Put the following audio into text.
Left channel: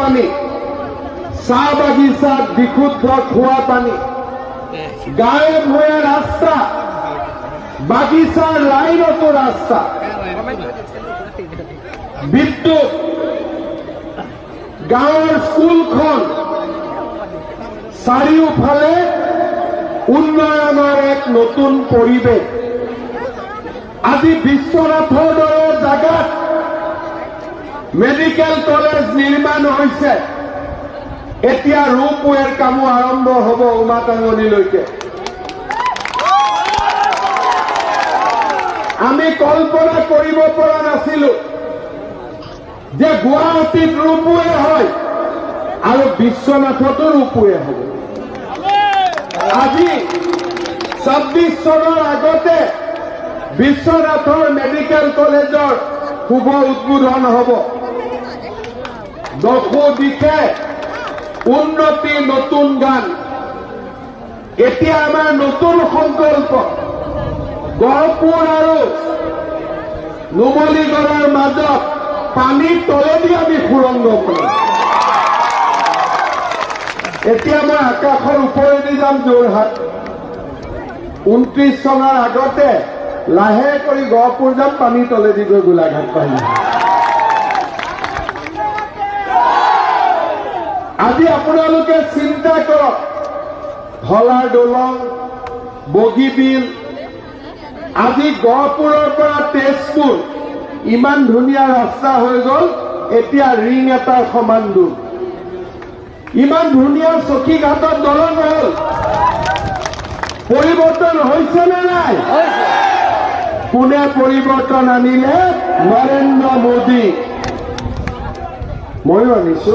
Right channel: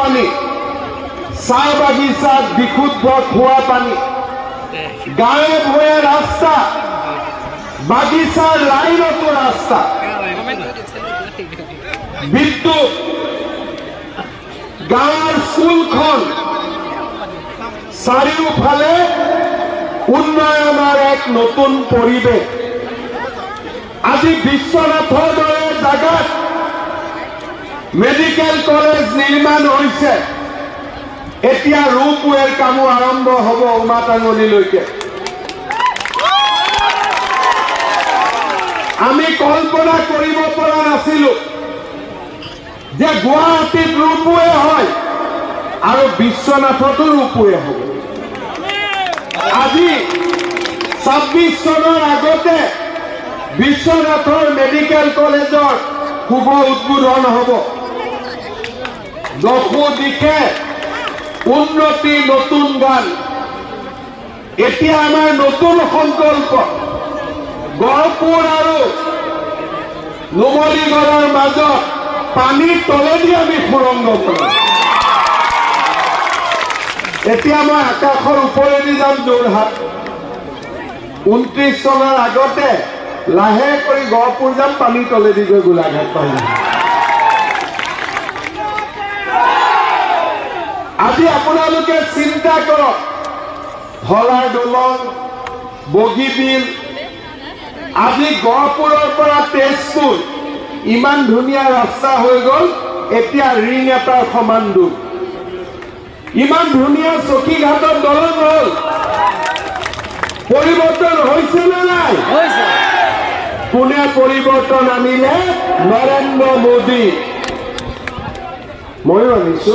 পানী, চাহ বাগিচাত বিশুদ্ধ খোৱা পানী, গাঁৱে ভূঞে ৰাস্তা, বাগিচাৰ লাইনতো ৰাস্তা, বিদ্যুৎ, গাঁৱৰ স্কুলখন, চাৰিওফালে উন্নয়নৰ এক নতুন পৰিৱেশ। আজি বিশ্বনাথৰ দৰে জাগাত মেডিকেল কলেজ নিৰ্মাণ হৈছে। এতিয়া ৰূপৱেৰ কামো আৰম্ভ হ'ব উমাটাঙনিলৈকে। আমি কল্পনা কৰিব পৰা নাছিলো যে গুৱাহাটীত ৰূপৱে হয় আৰু বিশ্বনাথতো ৰূপৱে হ'ব। আজি ২৬ চনৰ আগতে বিশ্বনাথৰ মেডিকেল কলেজৰ শুভ উদ্বোধন হ'ব। দশো দিশে উন্নতি, নতুন গান। এতিয়া আমাৰ নতুন সংকল্প, গহপুৰ আৰু নুমলীগড়ৰ মাজত পানীৰ তলেদি আমি সুৰংগ কৰিম। এতিয়া মই আকাশৰ ওপৰেদি যাম যোৰহাট। ২৯ চনৰ আগতে লাহে কৰি গহপুৰ যাম, পানীৰ তলেদি গৈ গোলাঘাট পাম। আজি আপোনালোকে চিন্তা কৰক, ধলা দলং, বগীবিল, আজি গহপুৰৰ পৰা তেজপুৰ ইমান ধুনীয়া ৰাস্তা হৈ গ'ল। এতিয়া ৰিং এটাৰ সমান দূৰ। ইমান ধুনীয়া চকীঘাটৰ দলং হ'ল। পৰিৱৰ্তন হৈছে নে নাই? কোনে পৰিৱৰ্তন আনিলে? নৰেন্দ্ৰ মোদী। ময়ো আনিছো।